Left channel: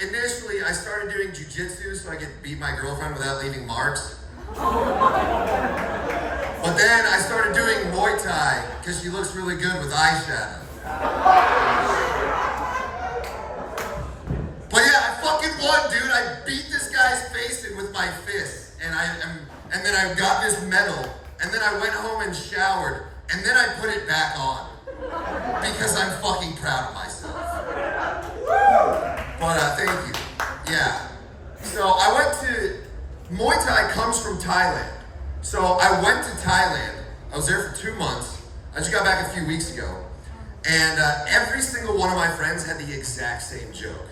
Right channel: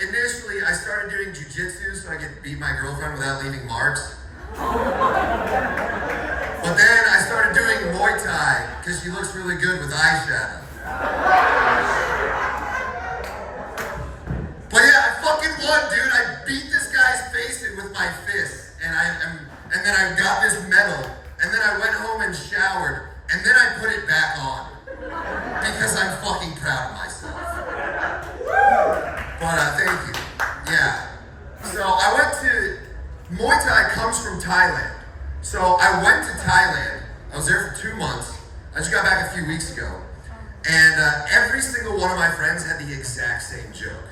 Initially I started doing jujitsu so I could beat my girlfriend without leaving marks. But then I started doing Muay Thai because she looks really good with eyeshadow. But yeah, I fucking won, dude. I beat this guy's face in with my fists, and then I got this medal, and then I went home and showered, and then I put it back on because I'm fucking proud of myself. But thank you. Yeah. So I went to Muay Thai comes from Thailand. So I went to Thailand. I was there for 2 months. I just got back a few weeks ago, and every single one of my friends had the exact same joke.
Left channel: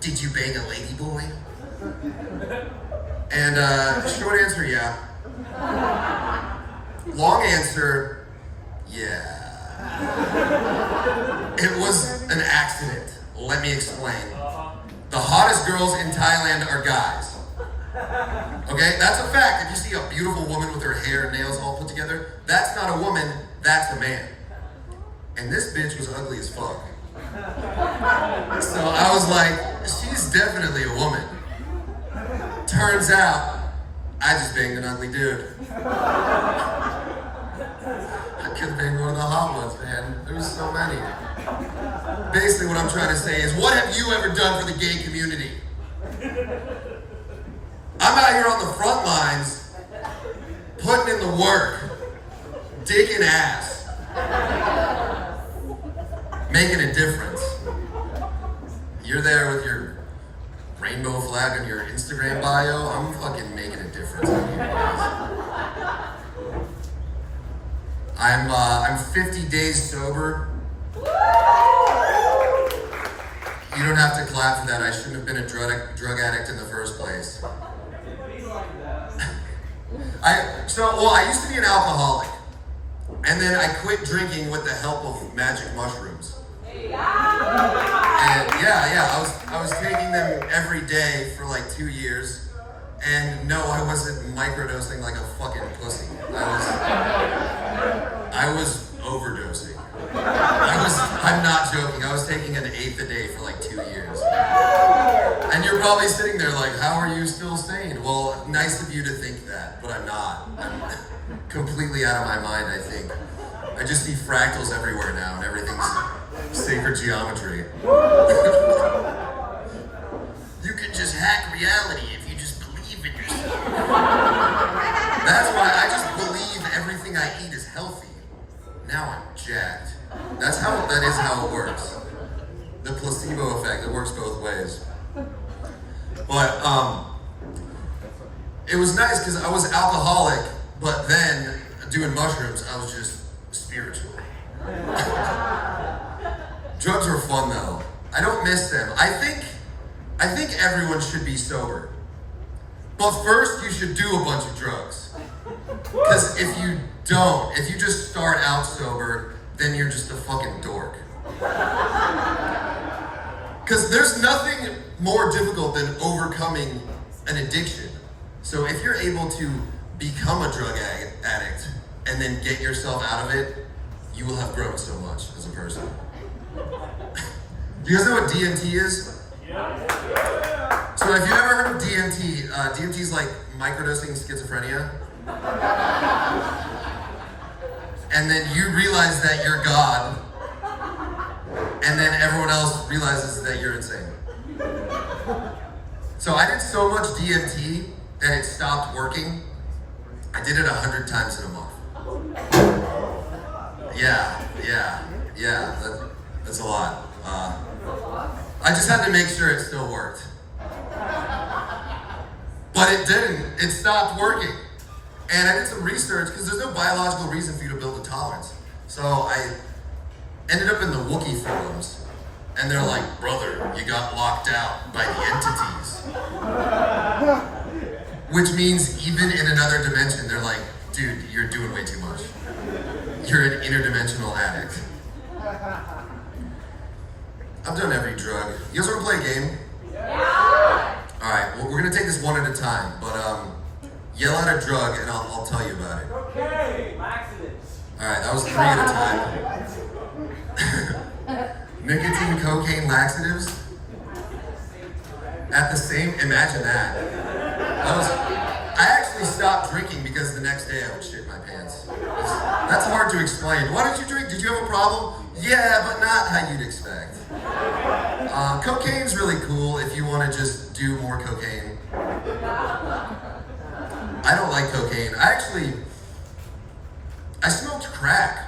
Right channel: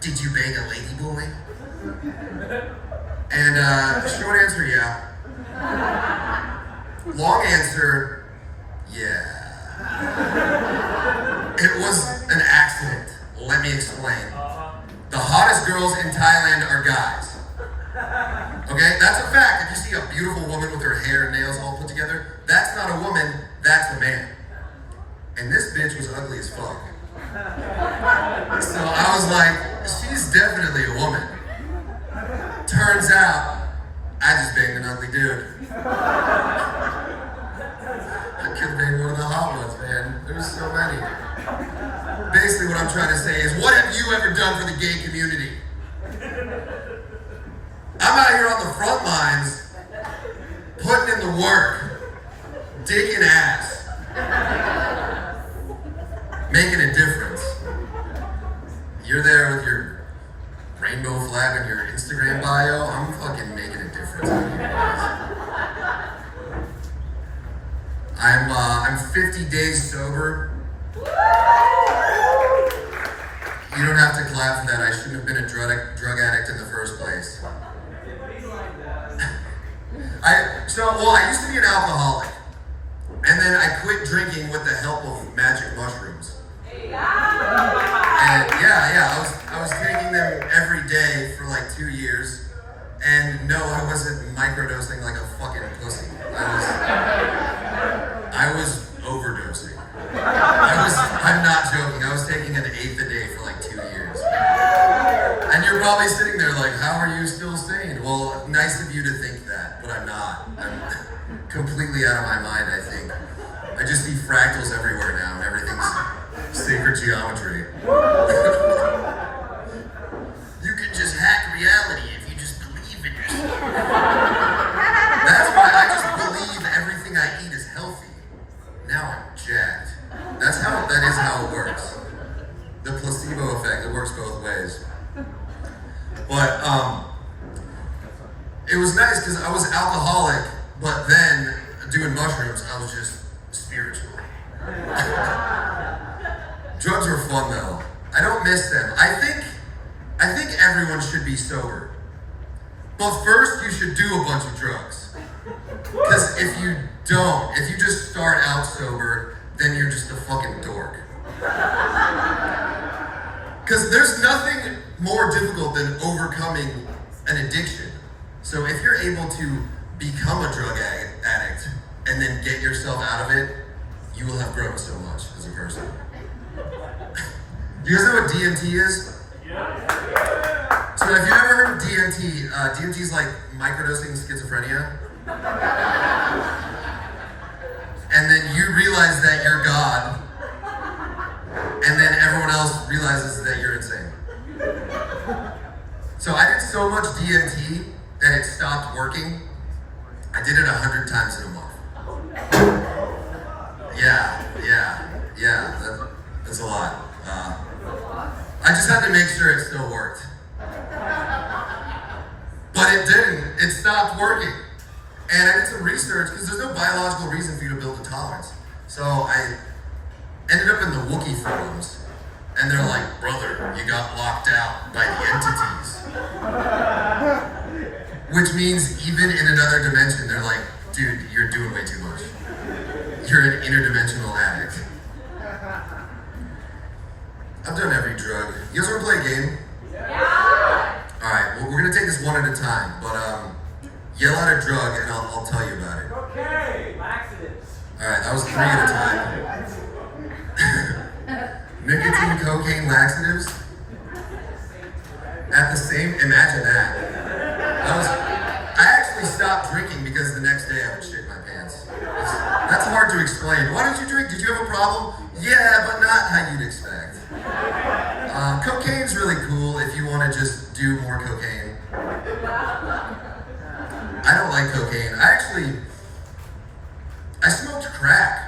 Did you bang a lady boy? And short answer, yeah. Long answer, yeah. It was an accident. Let me explain. The hottest girls in Thailand are guys. Okay, that's a fact. If you see a beautiful woman with her hair and nails all put together, that's not a woman, that's a man. And this bitch was ugly as fuck. So I was like, she's definitely a woman. Turns out, I just banged an ugly dude. I could have banged one of the hot ones, man. There was so many. Basically what I'm trying to say is, what have you ever done for the gay community? I'm out here on the front lines, putting in the work, digging ass, making a difference. You're there with your rainbow flag on your Instagram bio. I'm fucking making a difference on you guys. I'm 50 days sober. You don't have to clap for that. I shouldn't have been a drug addict in the first place. I used to be an alcoholic, and then I quit drinking with the help of magic mushrooms. And I was taking them every day for like 2 years, and no, I wasn't microdosing like a fucking pussy. I was overdosing. I'm not joking. I was taking an eighth a day for like 2 years. And you're probably sitting there like, how are you still sane? Well, nice of you to think that, but I'm not. I'm completely out of my mind, I think. I just see fractals everywhere now, and everything's sacred geometry. You can just hack reality if you just believe in yourself. That's why I just believe everything I eat is healthy. Now I'm jacked. That is how it works. The placebo effect, it works both ways. But it was nice because I was alcoholic, but then doing mushrooms, I was just spiritual. Drugs were fun though. I don't miss them. I think everyone should be sober. But first you should do a bunch of drugs. Because if you just start out sober, then you're just a fucking dork. Because there's nothing more difficult than overcoming an addiction. So if you're able to become a drug addict and then get yourself out of it, you will have grown so much as a person. Do you guys know what DMT is? Yeah. So have you ever heard of DMT? DMT is like microdosing schizophrenia. And then you realize that you're God, and then everyone else realizes that you're insane. So I did so much DMT that it stopped working. I did it 100 times in a month. Yeah, that's a lot. I just had to make sure it still worked. But it didn't. It stopped working. And I did some research, because there's no biological reason for you to build a tolerance. So I ended up in the Wookiee forums, and they're like, brother, you got locked out by the entities. Which means even in another dimension, they're like, dude, you're doing way too much. You're an interdimensional addict. I've done every drug. You guys want to play a game? Yeah! Alright, well, we're going to take this one at a time, but yell out a drug and I'll tell you about it. Okay, laxatives. Alright, that was 3 at a time. Nicotine, cocaine, laxatives? At the same, imagine that. I actually stopped drinking because the next day I would shit my pants. That's hard to explain. Why did you drink? Did you have a problem? Yeah, but not how you'd expect. Cocaine's really cool if you want to just do more cocaine. I don't like cocaine. I smoked crack.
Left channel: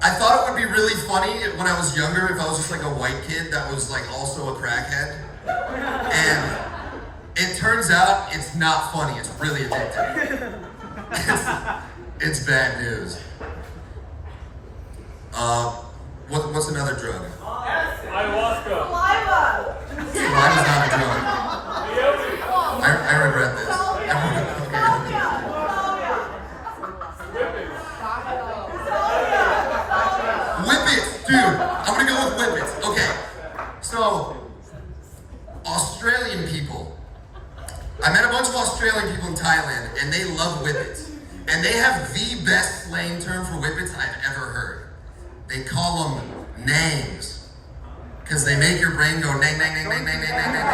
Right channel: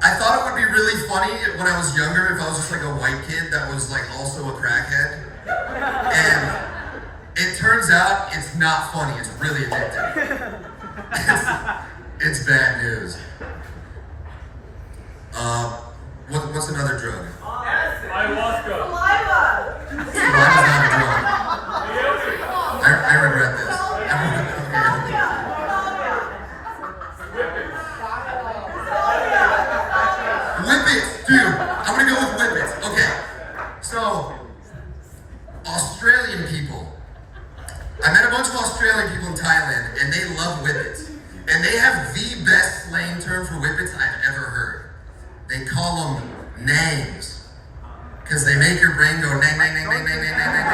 I thought it would be really funny when I was younger if I was just like a white kid that was like also a crackhead. And it turns out it's not funny, it's really addictive. It's bad news. What's another drug? Ayahuasca. Saliva. Saliva's not a drug. I regret this. Whippets, dude. I'm gonna go with whippets. Okay. So, Australian people. I met a bunch of Australian people in Thailand, and they love whippets. And they have the best slang term for whippets I've ever heard. They call them nangs. Because they make your brain go nang, nang, nang, nang, nang, nang, nang, nang.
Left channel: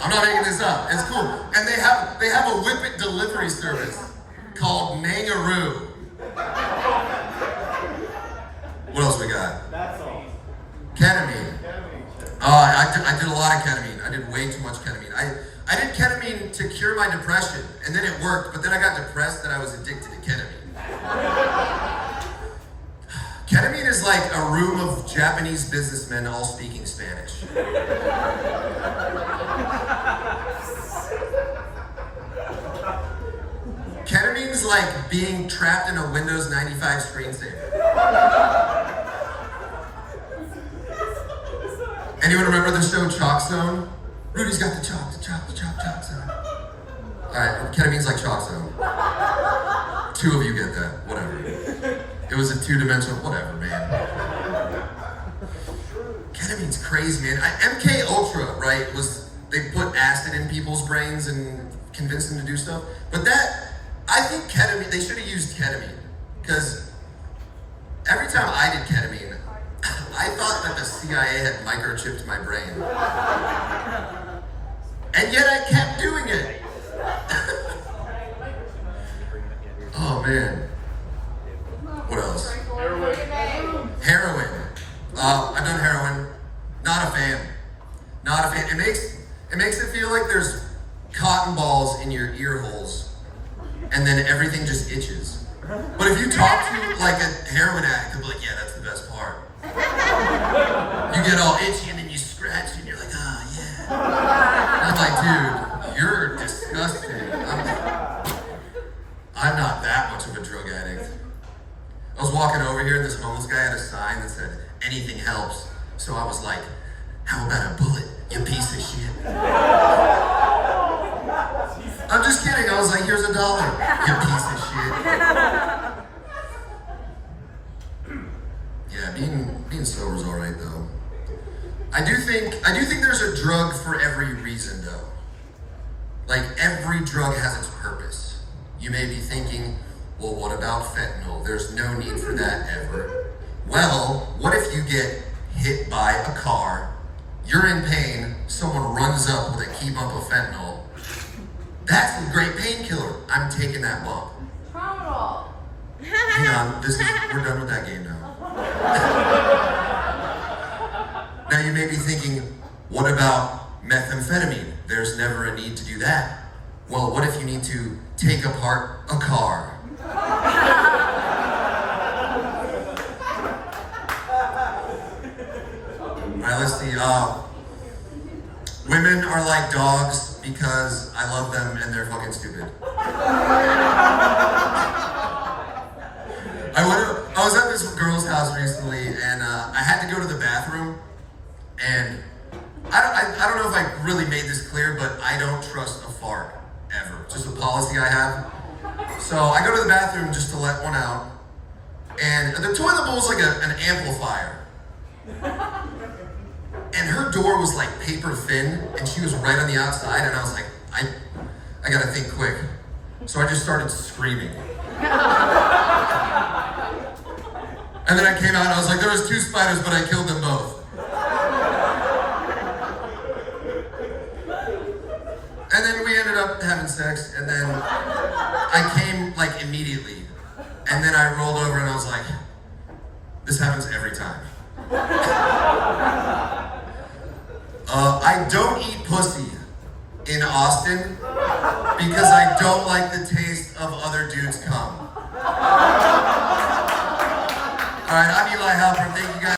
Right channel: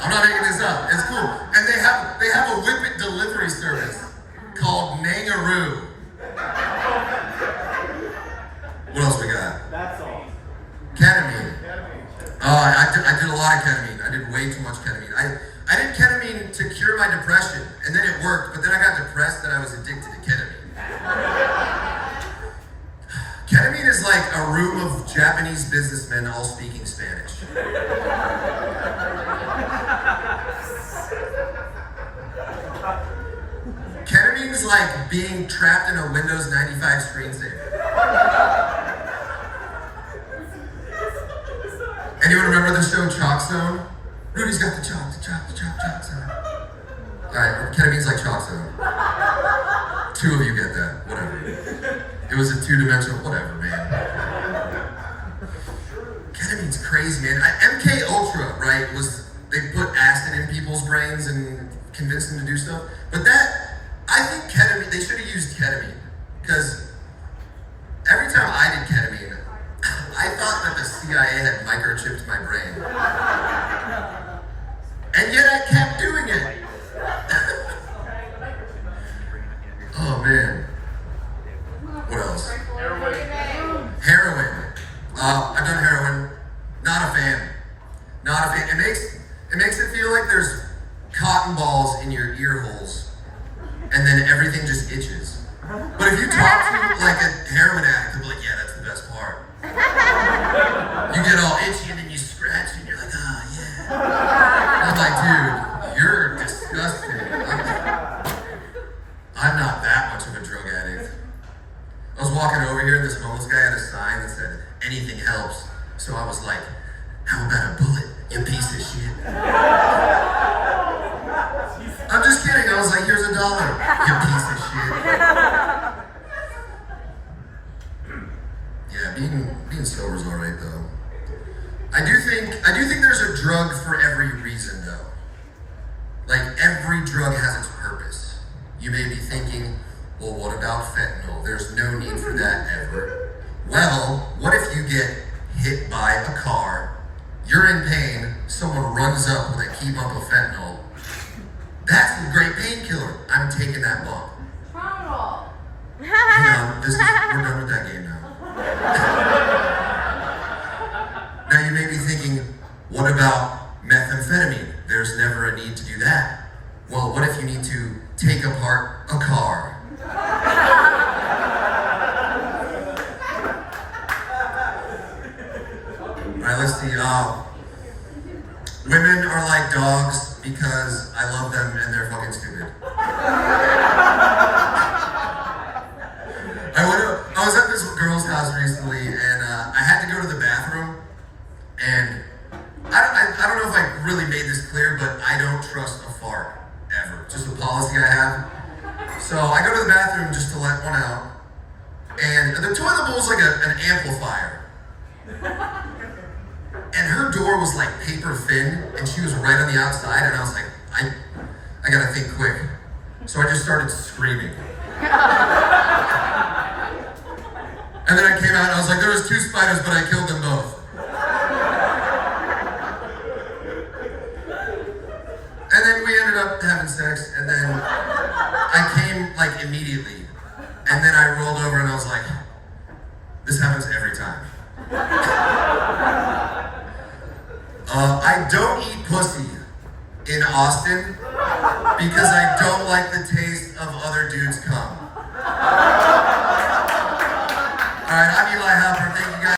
I'm not making this up. It's cool. And they have a whippet delivery service called Nangaroo. What else we got? That's all. Ketamine. I did a lot of ketamine. I did way too much ketamine. I did ketamine to cure my depression, and then it worked, but then I got depressed that I was addicted to ketamine. Ketamine is like a room of Japanese businessmen all speaking Spanish. Ketamine is like being trapped in a Windows 95 screensaver. Anyone remember the show Chalk Zone? Rudy's got the chalk zone. Alright, ketamine's like Chalk Zone. 2 of you get that, whatever. It was a 2-dimensional, whatever, man. Ketamine's crazy, man. MK Ultra, right, they put acid in people's brains and convinced them to do stuff. But I think ketamine, they should have used ketamine. Because every time I did ketamine, I thought that the CIA had microchipped my brain. And yet I kept doing it. Oh man. What else? Heroin. I've done heroin. Not a fan. It makes it feel like there's cotton balls in your ear holes, and then everything just itches. But if you talk to like a heroin addict, they'll be like, yeah, that's the best part. You get all itchy and then you scratch and you're like, oh yeah. I'm like, dude, you're disgusting. I'm not that much of a drug addict. I was walking over here and this homeless guy had a sign that said, anything helps. So I was like, how about a bullet, you piece of shit? I'm just kidding. I was like, here's $1, you piece of shit. Yeah, being sober is all right though. I do think there's a drug for every reason though. Like every drug has its purpose. You may be thinking, well, what about fentanyl? There's no need for that ever. Well, what if you get hit by a car, you're in pain, someone runs up with a key bump of fentanyl? That's a great painkiller. I'm taking that bump. Tramadol. Hang on, we're done with that game now. Now you may be thinking, what about methamphetamine? There's never a need to do that. Well, what if you need to take apart a car? Alright, let's see. Women are like dogs because I love them and they're fucking stupid. I was at this girl's house recently and I had to go to the bathroom, and I don't know if I really made this clear, but I don't trust a fart ever. Just a policy I have. So I go to the bathroom just to let one out, and the toilet bowl is like an amplifier. And her door was like paper thin, and she was right on the outside, and I was like, I gotta think quick. So I just started screaming. And then I came out and I was like, there was 2 spiders, but I killed them both. up having sex, and then I came like immediately. And then I rolled over and I was like, this happens every time. I don't eat pussy in Austin because I don't like the taste of other dudes' cum. All right, I'm Eli Halpern. Thank you guys.